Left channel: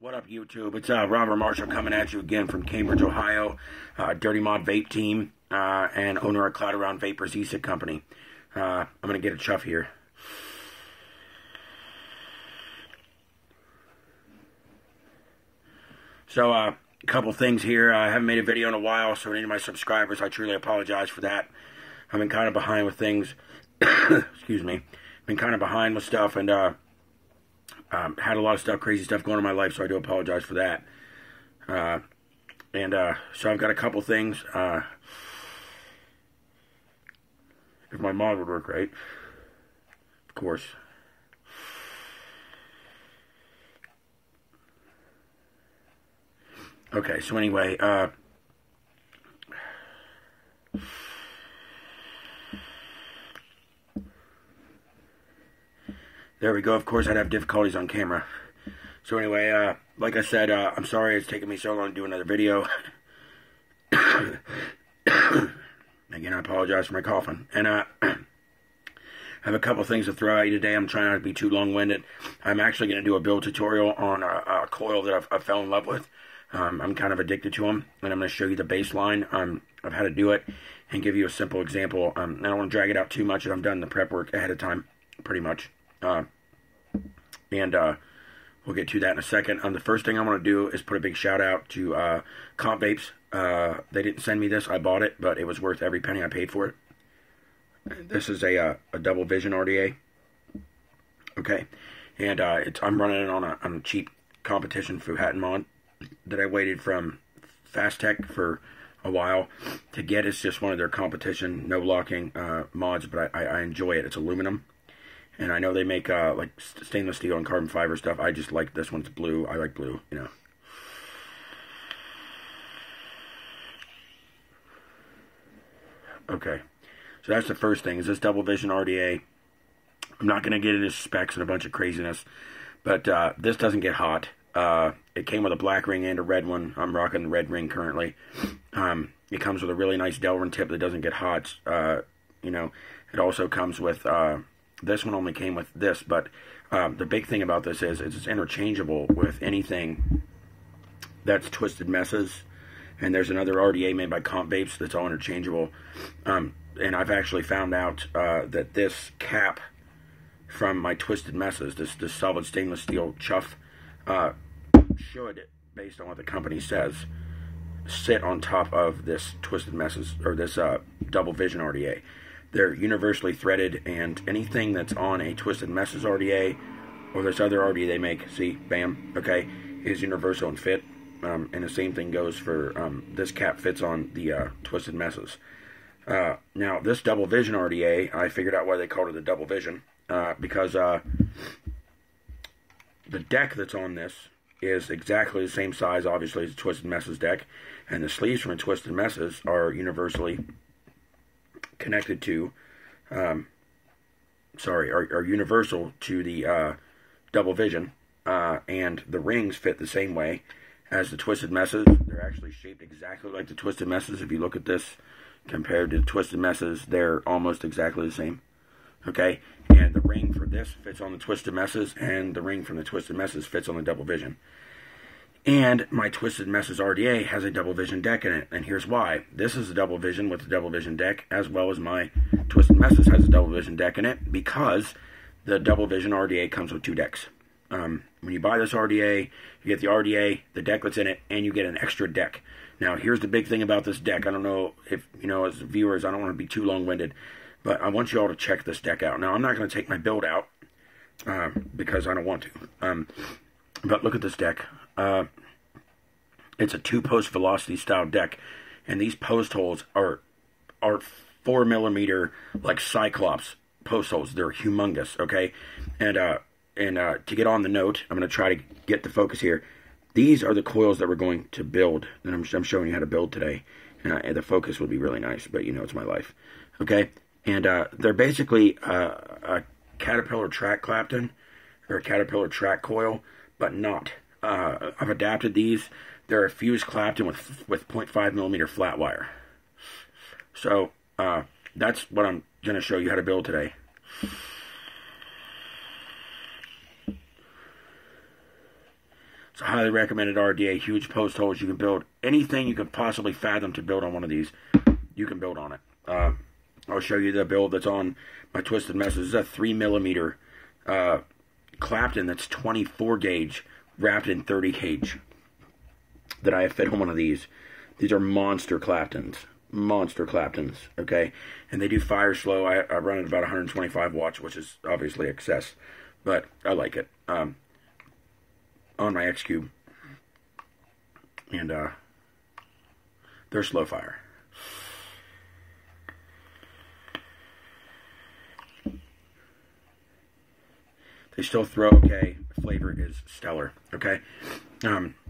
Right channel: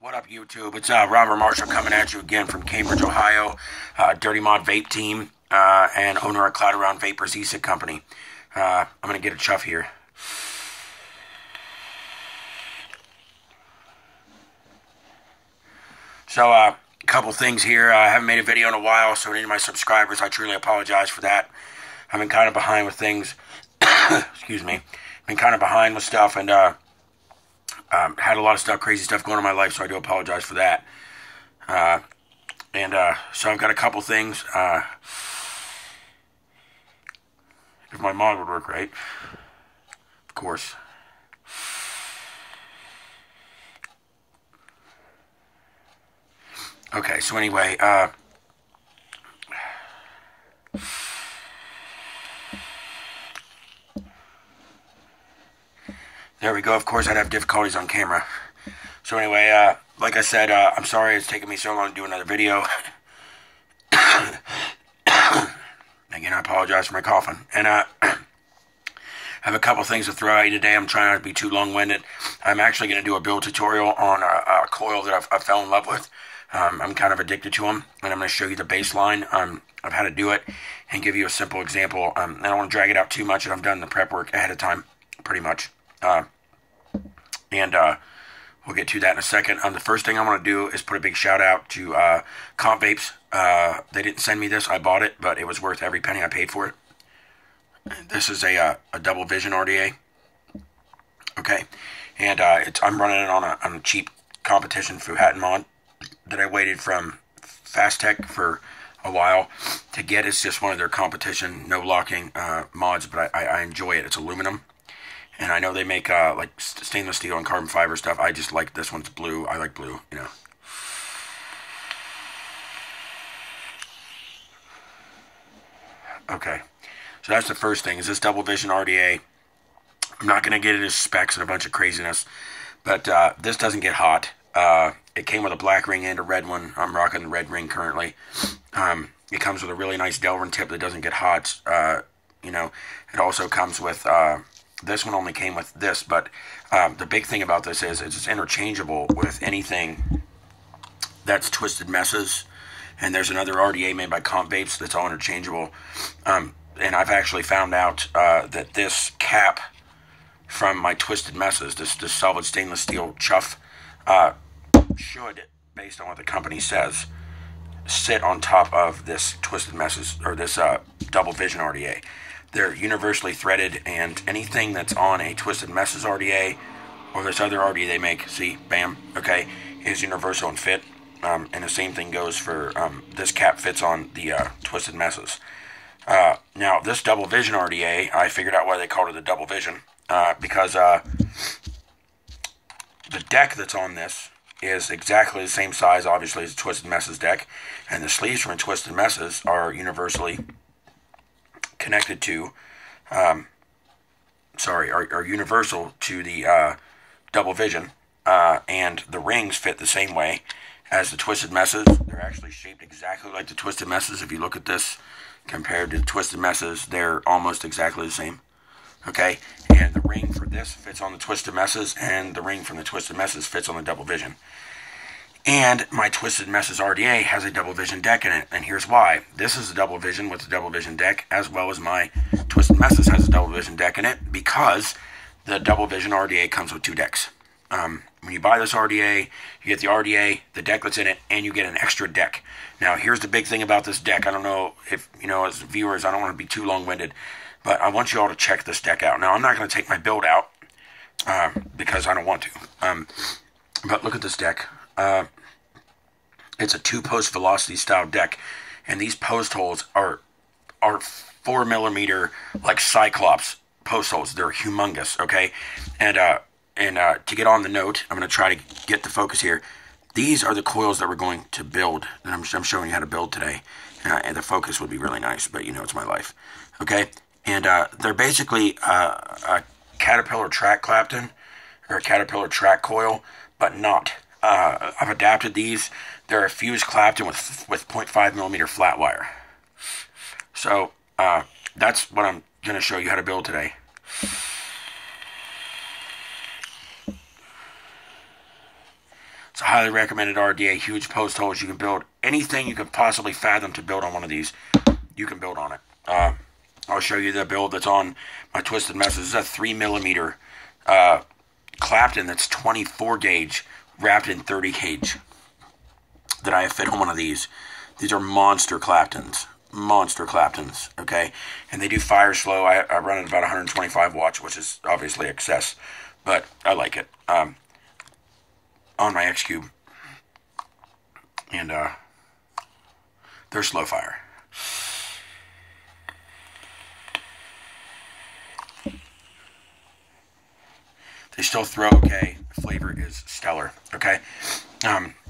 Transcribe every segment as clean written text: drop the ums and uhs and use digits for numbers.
What up, YouTube? It's Robert Marshall coming at you again from Cambridge, Ohio. Dirty Mod Vape Team and owner of Cloud Around Vapors e-cig company. I'm going to get a chuff here. So, a couple things here. I haven't made a video in a while, so any of my subscribers, I truly apologize for that. I've been kind of behind with things. Excuse me. Been kind of behind with stuff, and had a lot of stuff, crazy stuff going on in my life, so I do apologize for that. So I've got a couple things. If my mod would work right, of course. Okay, so anyway, there we go. Of course, I'd have difficulties on camera. So anyway, like I said, I'm sorry it's taken me so long to do another video. Again, I apologize for my coughing. And I have a couple things to throw at you today. I'm trying not to be too long-winded. I'm actually going to do a build tutorial on a coil that I fell in love with. I'm kind of addicted to them, and I'm going to show you the baseline of how to do it and give you a simple example. I don't want to drag it out too much, and I've done the prep work ahead of time, pretty much. We'll get to that in a second. The first thing I want to do is put a big shout out to Comp Vapes. They didn't send me this. I bought it, but it was worth every penny I paid for it. This is a double vision RDA. Okay, and I'm running it on a cheap competition Fuhattan mod that I waited from Fast Tech for a while to get. It's just one of their competition no locking mods, but I enjoy it. It's aluminum. And I know they make like stainless steel and carbon fiber stuff. I just like this one's blue. I like blue, you know. Okay, so that's the first thing. Is this double vision RDA? I'm not going to get into specs and a bunch of craziness, but this doesn't get hot. It came with a black ring and a red one. I'm rocking the red ring currently. It comes with a really nice Delrin tip that doesn't get hot. You know, it also comes with... this one only came with this, but the big thing about this is it's interchangeable with anything that's Twisted Messes, and there's another RDA made by Comp Vapes that's all interchangeable. And I've actually found out that this cap from my Twisted Messes, this solid stainless steel chuff, should, based on what the company says, sit on top of this Twisted Messes, or this double vision RDA. They're universally threaded, and anything that's on a Twisted Messes RDA or this other RDA they make, see, bam, okay, is universal and fit. And the same thing goes for this cap fits on the Twisted Messes. Now, this double vision RDA, I figured out why they called it a double vision, because the deck that's on this is exactly the same size, obviously, as a Twisted Messes deck, and the sleeves from a Twisted Messes are universally connected to, are universal to the double vision, and the rings fit the same way as the Twisted Messes. They're actually shaped exactly like the Twisted Messes. If you look at this compared to the Twisted Messes, they're almost exactly the same. Okay, and the ring for this fits on the Twisted Messes, and the ring from the Twisted Messes fits on the double vision. And my Twisted Messes RDA has a double vision deck in it, and here's why. This is a double vision with the double vision deck, as well as my Twisted Messes has a double vision deck in it, because the double vision RDA comes with two decks. When you buy this RDA, you get the RDA, the deck that's in it, and you get an extra deck. Now, here's the big thing about this deck. I don't know if, you know, as viewers, I don't want to be too long-winded, but I want you all to check this deck out. Now, I'm not going to take my build out, because I don't want to. But look at this deck. It's a two-post velocity style deck, and these post holes are 4mm like Cyclops post holes. They're humongous, okay? And to get on the note, I'm going to try to get the focus here. These are the coils that we're going to build, and I'm showing you how to build today. And the focus would be really nice, but you know it's my life, okay? And they're basically a Caterpillar track clapton or a Caterpillar track coil, but not. I've adapted these. They're a fused clapton with 0.5mm flat wire. So that's what I'm going to show you how to build today. It's a highly recommended RDA, huge post holes. You can build anything you could possibly fathom to build on one of these. You can build on it. I'll show you the build that's on my Twisted Messes. This is a 3mm clapton that's 24 gauge wrapped in 30 gauge that I have fit on one of these. These are monster claptons. Monster claptons, okay? And they do fire slow. I run at about 125 watts, which is obviously excess, but I like it. On my X Cube. And they're slow fire. They still throw okay. The flavor is stellar, okay?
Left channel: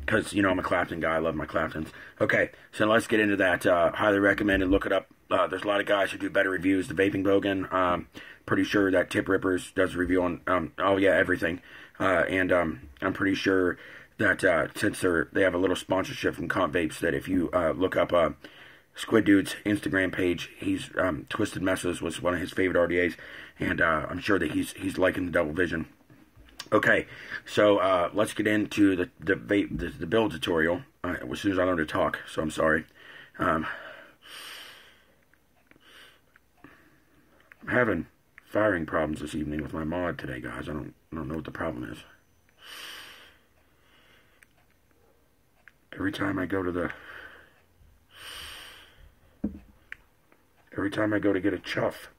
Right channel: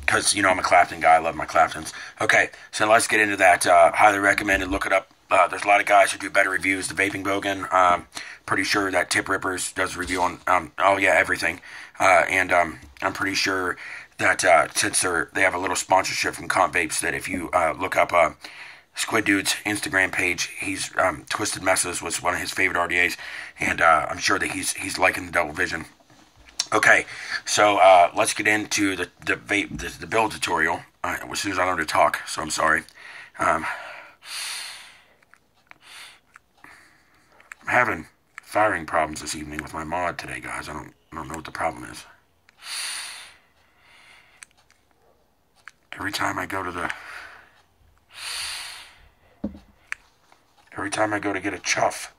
Because, you know, I'm a Clapton guy. I love my Claptons. Okay, so let's get into that. Highly recommended. Look it up. There's a lot of guys who do better reviews. The Vaping Bogan, pretty sure that Tip Rippers does a review on, oh yeah, everything. And I'm pretty sure that since they have a little sponsorship from Comp Vapes, that if you look up Squid Dude's Instagram page, he's Twisted Messes was one of his favorite RDAs, and I'm sure that he's liking the Double Vision. Okay, so let's get into the build tutorial as soon as I learn to talk. So I'm sorry. I'm having firing problems this evening with my mod today, guys. I don't know what the problem is. Every time I go to get a chuff,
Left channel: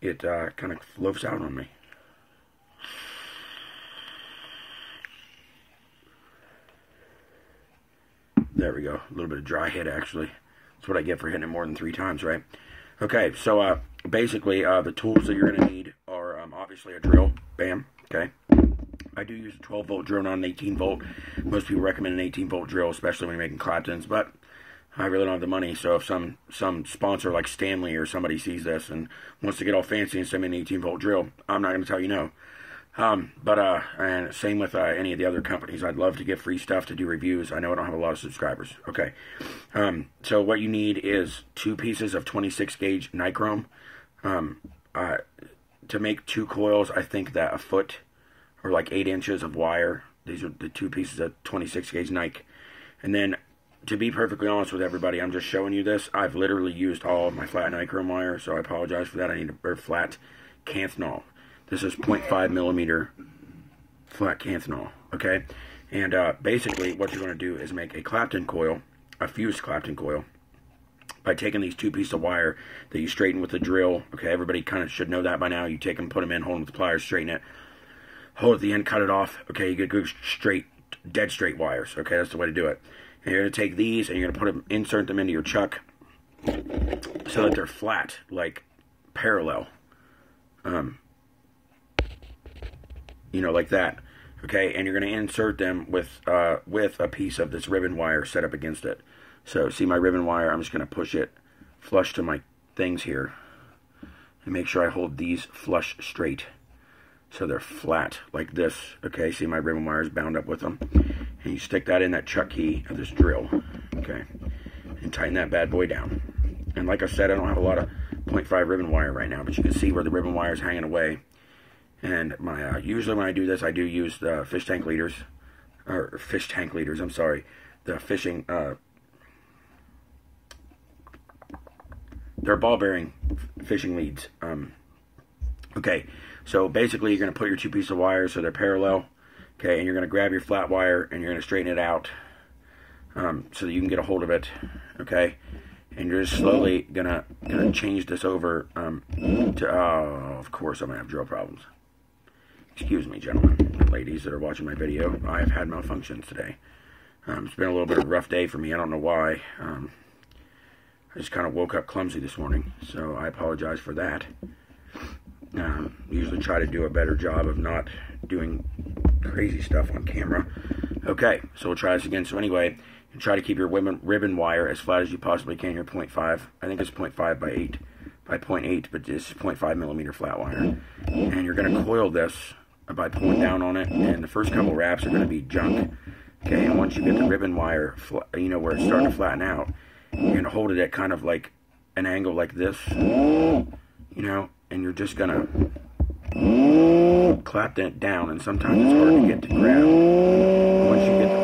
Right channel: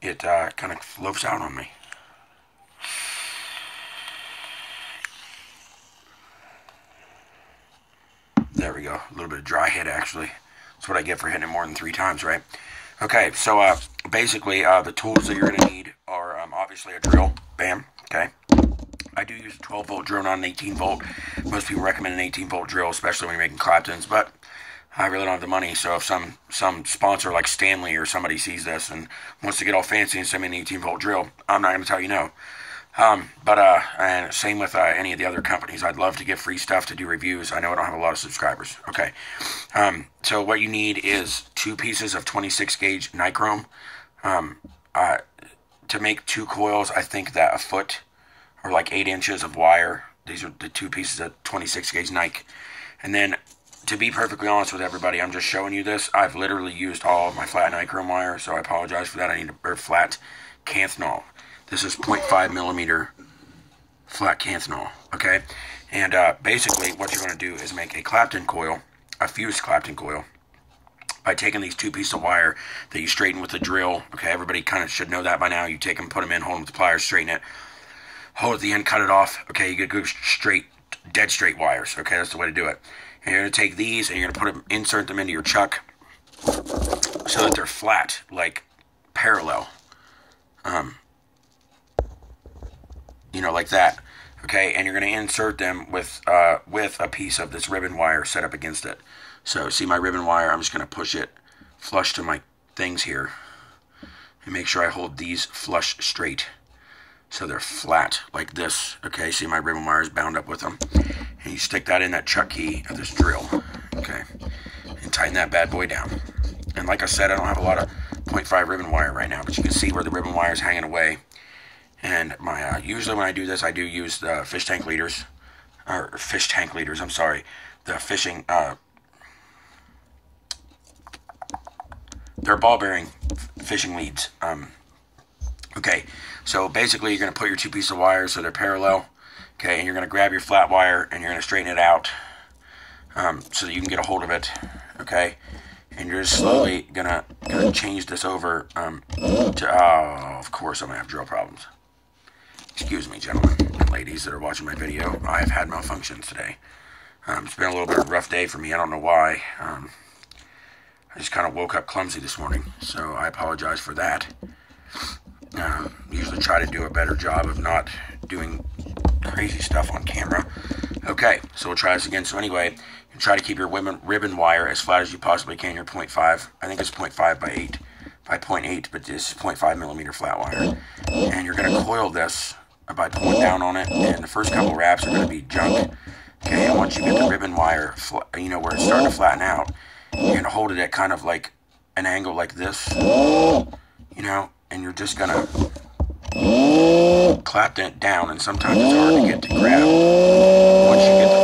it kind of floats out on me. There we go. A little bit of dry hit, actually. That's what I get for hitting it more than 3 times, right? Okay, so basically, the tools that you're going to need are obviously a drill. Bam. Okay. I do use a 12-volt drill, not an 18-volt. Most people recommend an 18-volt drill, especially when you're making Claptons, but I really don't have the money. So if some sponsor like Stanley or somebody sees this and wants to get all fancy and send me an 18-volt drill, I'm not going to tell you no. And same with any of the other companies. I'd love to get free stuff to do reviews. I know I don't have a lot of subscribers. Okay. So what you need is 2 pieces of 26 gauge nichrome. To make 2 coils, I think that a foot or like 8 inches of wire. These are the 2 pieces of 26 gauge Nike. And then, to be perfectly honest with everybody, I'm just showing you this. I've literally used all of my flat nichrome wire, so I apologize for that. I need a flat Canthnol. This is 0.5 millimeter flat Canthnol, okay? And basically what you're going to do is make a Clapton coil, a fused Clapton coil, by taking these 2 pieces of wire that you straighten with a drill. Okay, everybody kind of should know that by now. You take them, put them in, hold them with the pliers, straighten it, hold at the end, cut it off. Okay, you get good straight, dead straight wires. Okay, that's the way to do it. And you're going to take these and you're going to put them, insert them into your chuck so that they're flat, like parallel. You know, like that. Okay, and you're going to insert them with a piece of this ribbon wire set up against it. So, see my ribbon wire? I'm just going to push it flush to my things here and make sure I hold these flush straight so they're flat like this. Okay, see my ribbon wire is bound up with them. And you stick that in that chuck key of this drill. Okay, and tighten that bad boy down. And like I said, I don't have a lot of 0.5 ribbon wire right now, but you can see where the ribbon wire is hanging away. And my usually when I do this, I do use the fish tank leaders, I'm sorry, the fishing, they're ball bearing fishing leads. Okay, so basically you're going to put your 2 pieces of wire so they're parallel. Okay, and you're going to grab your flat wire and you're going to straighten it out so that you can get a hold of it. Okay, and you're just slowly gonna change this over to, oh, of course I'm going to have drill problems. Excuse me, gentlemen and ladies that are watching my video. I have had malfunctions today. It's been a little bit of a rough day for me. I don't know why. I just kind of woke up clumsy this morning, so I apologize for that. Usually try to do a better job of not doing crazy stuff on camera. Okay, so we'll try this again. So anyway, you try to keep your ribbon wire as flat as you possibly can. Your 0.5, I think it's 0.5 by 8, by 0.8, but this is 0.5 millimeter flat wire. And you're going to coil this by pulling down on it, and the first couple wraps are going to be junk. Okay, and once you get the ribbon wire, you know, where it's starting to flatten out, you're going to hold it at kind of like an angle like this, you know, and you're just going to clap it down, and sometimes it's hard to get to grab. Once you get the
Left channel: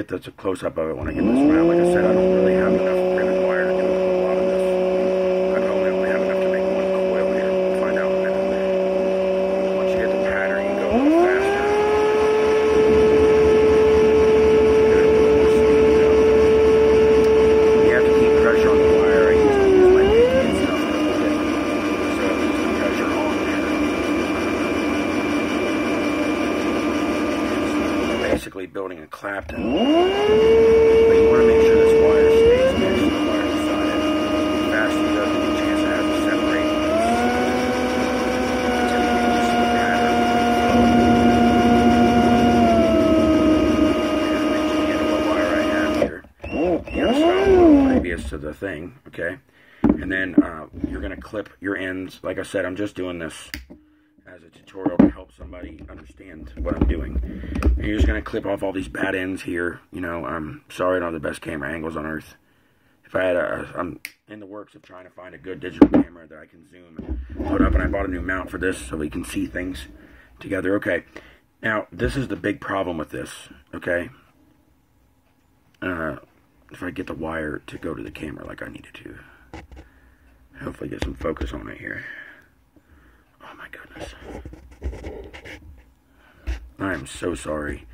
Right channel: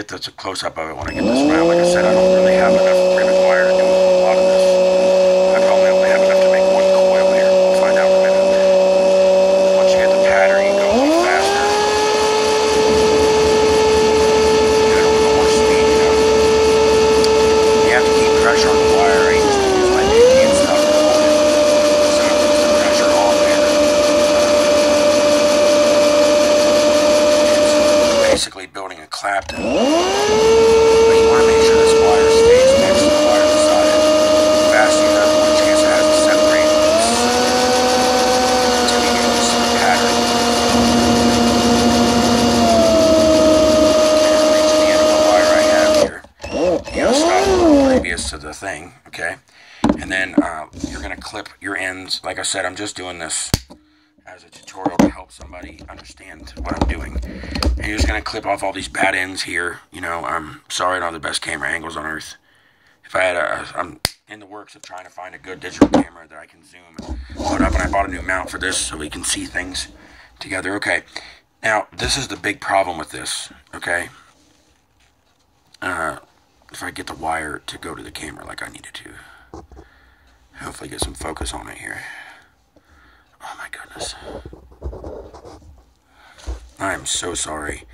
get this a close-up of it when I get this around. Like I said, I don't really have enough ribbon wire to do a whole lot of this. I probably only have enough to make one coil here. We'll find out in a minute. Once you get the pattern, you go a little faster. Get it a little more speed, you know. You have to keep pressure on the wire. I used to use my pinky and stuff to hold it. So it puts the pressure on there. Basically building a clapton, but you want to make sure this wire stays next to the wire beside it. The faster you go, the more chance it has to separate until you get this pattern. And reach the end of the wire I have here. You gotta stop previous to the thing, okay? And then you're gonna clip your ends. Like I said, I'm just doing this as a tutorial to help somebody understand what I'm doing. And you're just going to clip off all these bad ends here. You know, I'm sorry I don't have the best camera angles on earth. If I had I'm in the works of trying to find a good digital camera that I can zoom and load up, and I bought a new mount for this so we can see things together. Okay, now this is the big problem with this, okay? If I get the wire to go to the camera like I needed to. Hopefully get some focus on it here. Oh my goodness. I am so sorry,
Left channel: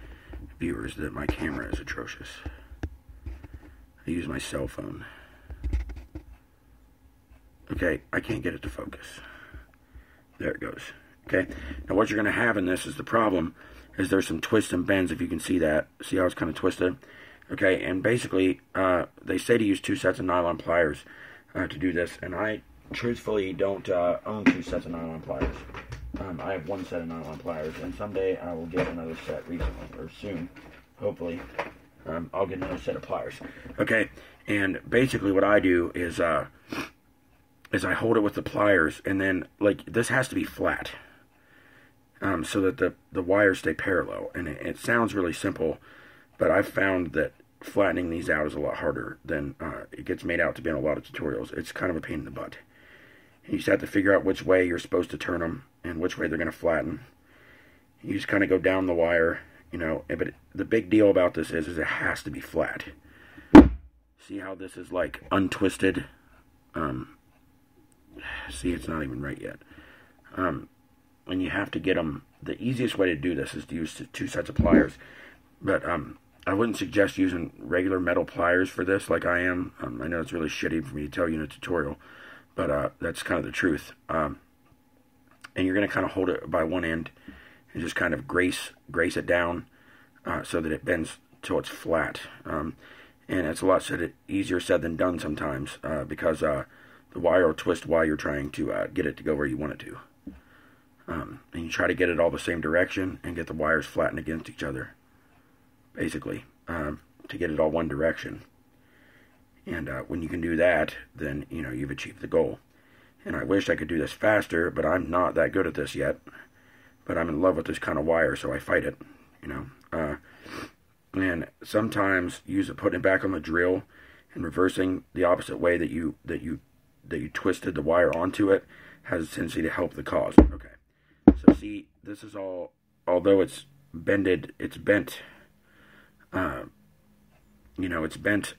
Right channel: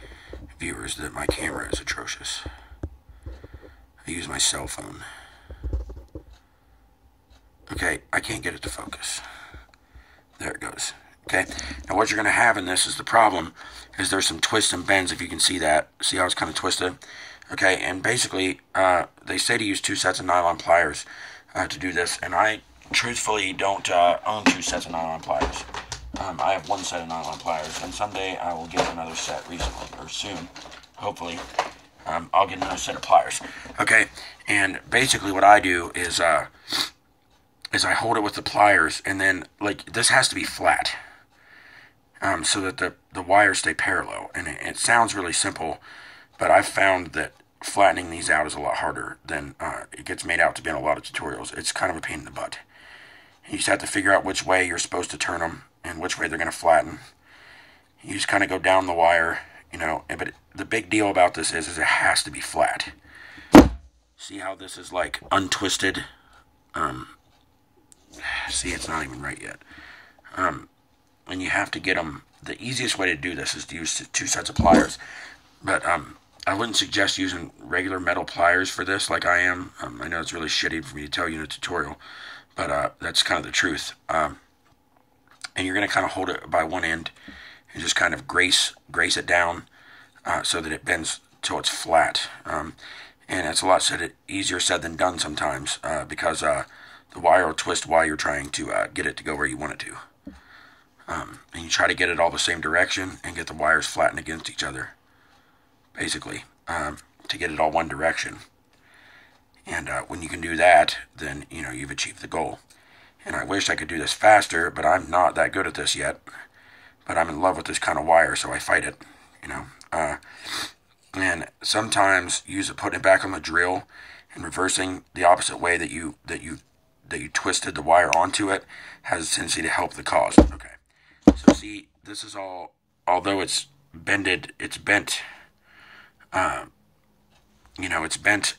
viewers, that my camera is atrocious. I use my cell phone. Okay, I can't get it to focus. There it goes. Okay, now what you're going to have in this is the problem, is there's some twists and bends, if you can see that. See how it's kind of twisted? Okay, and basically, they say to use 2 sets of nylon pliers to do this, and I truthfully don't own 2 sets of nylon pliers. I have 1 set of nylon pliers, and someday I will get another set recently, or soon, hopefully. I'll get another set of pliers. Okay, and basically what I do is I hold it with the pliers, and then, like, this has to be flat, so that the wires stay parallel. And it sounds really simple, but I've found that flattening these out is a lot harder than it gets made out to be in a lot of tutorials. It's kind of a pain in the butt. You just have to figure out which way you're supposed to turn them and which way they're going to flatten. You just kind of go down the wire, you know. But the big deal about this is it has to be flat. See how this is like untwisted? See, it's not even right yet. And you have to get them. The easiest way to do this is to use 2 sets of pliers. But I wouldn't suggest using regular metal pliers for this like I am. I know it's really shitty for me to tell you in a tutorial, but that's kind of the truth. And you're going to kind of hold it by one end and just kind of grace it down so that it bends till it's flat. And it's a lot easier said than done sometimes because the wire will twist while you're trying to get it to go where you want it to. And you try to get it all the same direction and get the wires flattened against each other, basically, to get it all one direction. And when you can do that, then, you know, you've achieved the goal. And I wish I could do this faster, but I'm not that good at this yet. But I'm in love with this kind of wire, so I fight it, you know. And sometimes putting it back on the drill and reversing the opposite way that you twisted the wire onto it has a tendency to help the cause. Okay. So see, this is all, although it's bent, you know, it's bent,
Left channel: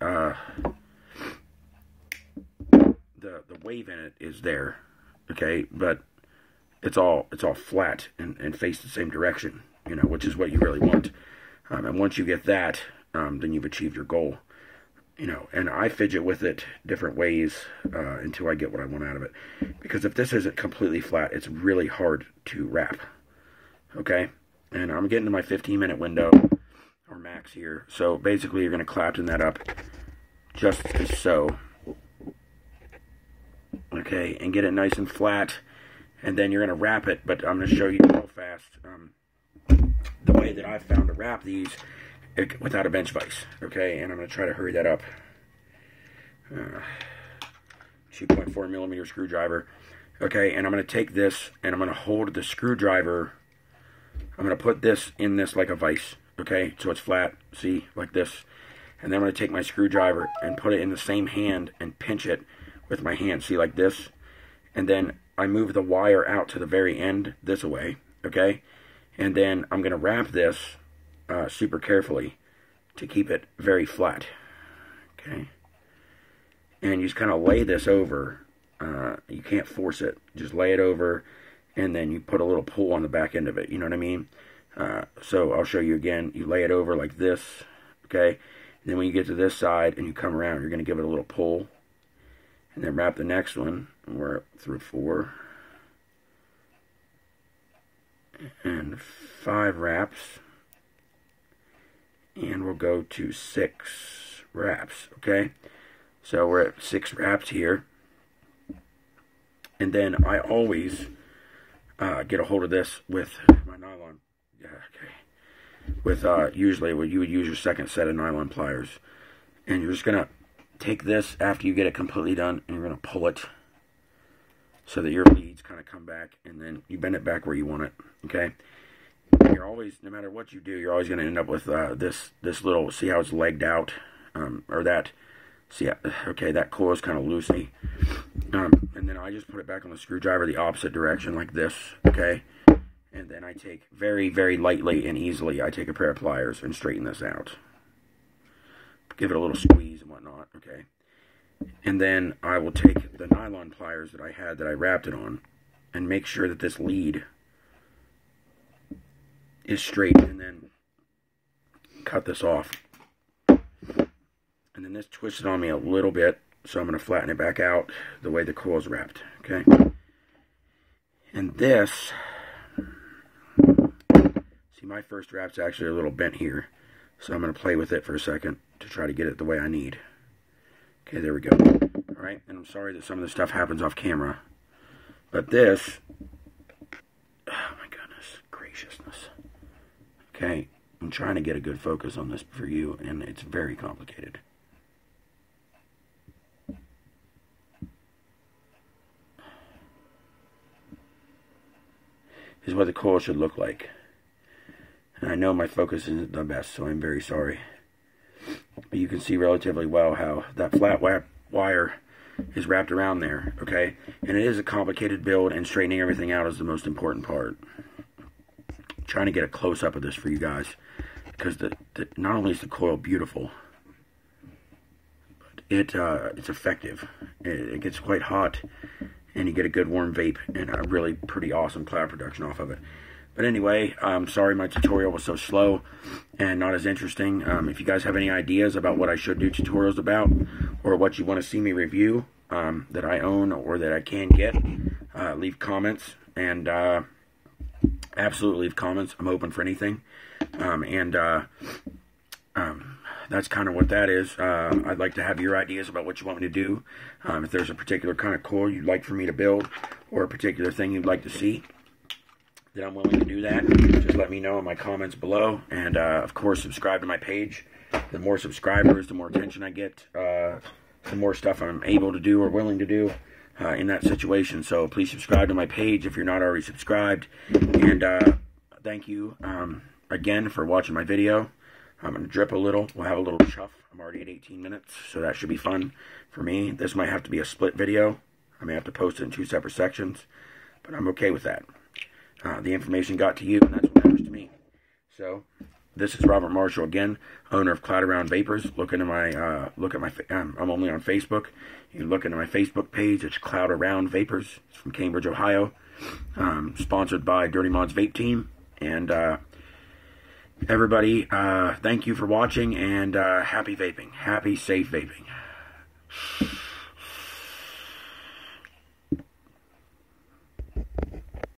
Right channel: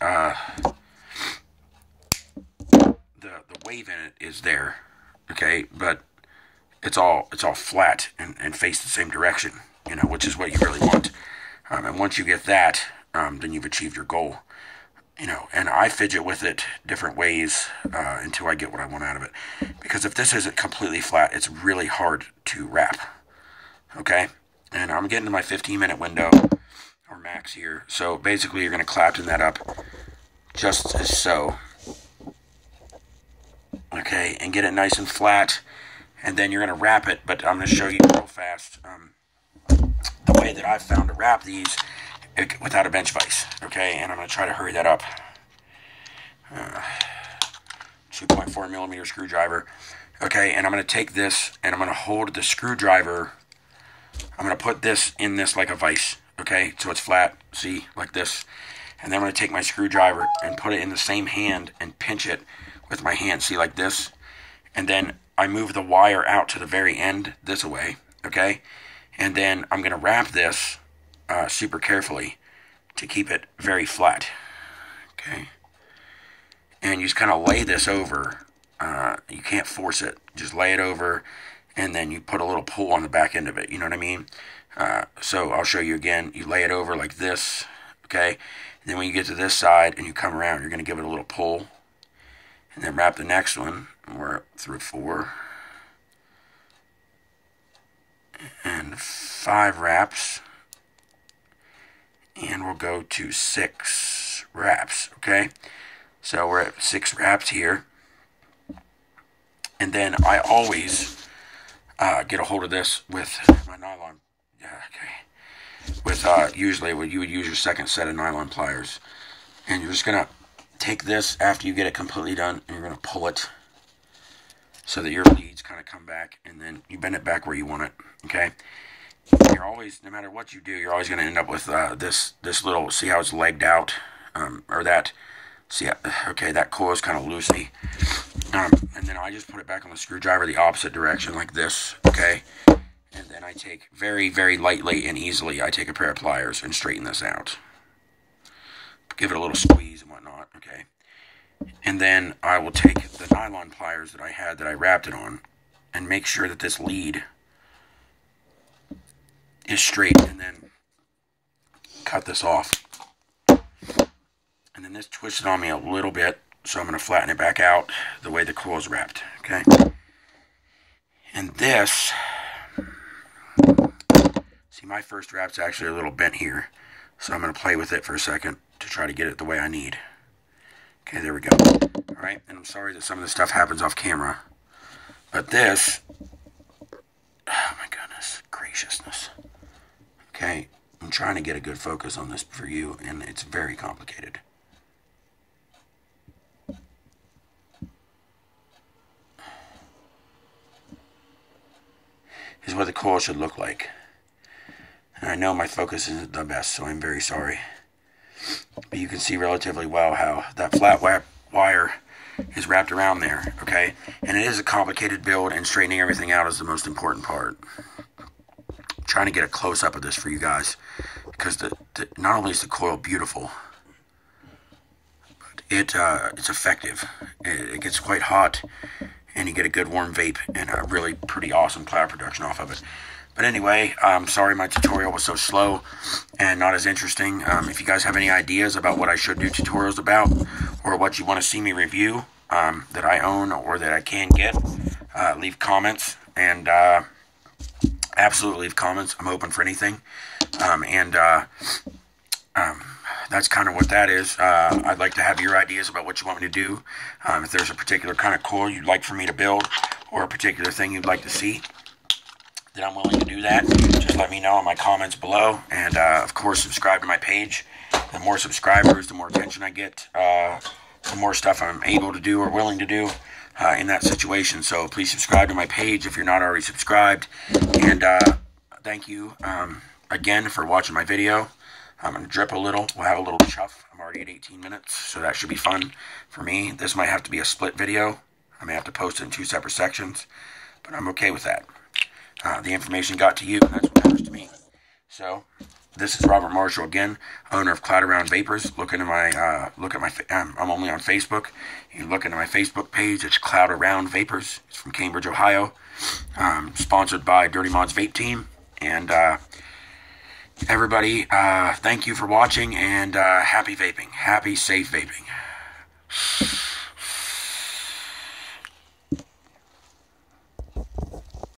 the wave in it is there, okay, but it's all flat and face the same direction, you know, which is what you really want. And once you get that, then you've achieved your goal, you know. And I fidget with it different ways until I get what I want out of it, because if this isn't completely flat, it's really hard to wrap, okay. And I'm getting to my 15-minute window or max here, so basically you're going to clapton that up just as so. Okay, and get it nice and flat, and then you're going to wrap it, but I'm going to show you real fast the way that I've found to wrap these without a bench vise, okay, and I'm going to try to hurry that up. 2.4 millimeter screwdriver, okay, and I'm going to take this, and I'm going to hold the screwdriver, I'm going to put this in this like a vise, okay, so it's flat, see, like this, and then I'm going to take my screwdriver and put it in the same hand and pinch it with my hand, see, like this, and then I move the wire out to the very end this way, okay, and then I'm going to wrap this super carefully to keep it very flat. Okay. And you just kind of lay this over. You can't force it. Just lay it over, and then you put a little pull on the back end of it. You know what I mean? So I'll show you again. You lay it over like this. Okay. And then when you get to this side and you come around, you're going to give it a little pull. And then wrap the next one. We're up through 4. And 5 wraps. And we'll go to 6 wraps. Okay. So we're at 6 wraps here. And then I always get a hold of this with my nylon. Yeah, okay. With usually you would use your second set of nylon pliers. And you're just going to take this after you get it completely done, and you're going to pull it so that your leads kind of come back, and then you bend it back where you want it. Okay. You're always, no matter what you do, you're always going to end up with this little, see how it's legged out, or that. See, okay, that coil is kind of loosey. And then I just put it back on the screwdriver the opposite direction like this, okay? And then I take very, very lightly and easily, I take a pair of pliers and straighten this out. Give it a little squeeze and whatnot, okay? And then I will take the nylon pliers that I had that I wrapped it on and make sure that this lead is straight, and then cut this off. And then this twisted on me a little bit, so I'm going to flatten it back out the way the coil is wrapped, okay? And this, see, my first wrap's actually a little bent here, so I'm going to play with it for a second to try to get it the way I need. Okay, there we go. All right, and I'm sorry that some of this stuff happens off camera, but this, oh my goodness, graciousness. Okay, I'm trying to get a good focus on this for you, and it's very complicated. Is what the coil should look like. And I know my focus isn't the best, so I'm very sorry. But you can see relatively well how that flat wire is wrapped around there, okay? And it is a complicated build, and straightening everything out is the most important part. I'm trying to get a close-up of this for you guys, because not only is the coil beautiful, but it's effective. It gets quite hot, and you get a good warm vape and a really pretty awesome cloud production off of it. But anyway, I'm sorry my tutorial was so slow and not as interesting. If you guys have any ideas about what I should do tutorials about, or what you want to see me review that I own or that I can get, leave comments, and absolutely leave comments. I'm open for anything. That's kind of what that is. I'd like to have your ideas about what you want me to do. If there's a particular kind of coil you'd like for me to build, or a particular thing you'd like to see, then I'm willing to do that. Just let me know in my comments below. And, of course, subscribe to my page. The more subscribers, the more attention I get, the more stuff I'm able to do or willing to do in that situation. So please subscribe to my page if you're not already subscribed. And thank you again for watching my video. I'm going to drip a little. We'll have a little chuff. I'm already at 18 minutes, so that should be fun for me. This might have to be a split video. I may have to post it in 2 separate sections, but I'm okay with that. The information got to you, and that's what matters to me. So, this is Robert Marshall again, owner of Cloud Around Vapors. I'm only on Facebook. You can look into my Facebook page. It's Cloud Around Vapors. It's from Cambridge, Ohio. Sponsored by Dirty Mods Vape Team. And everybody, thank you for watching, and happy vaping. Happy, safe vaping.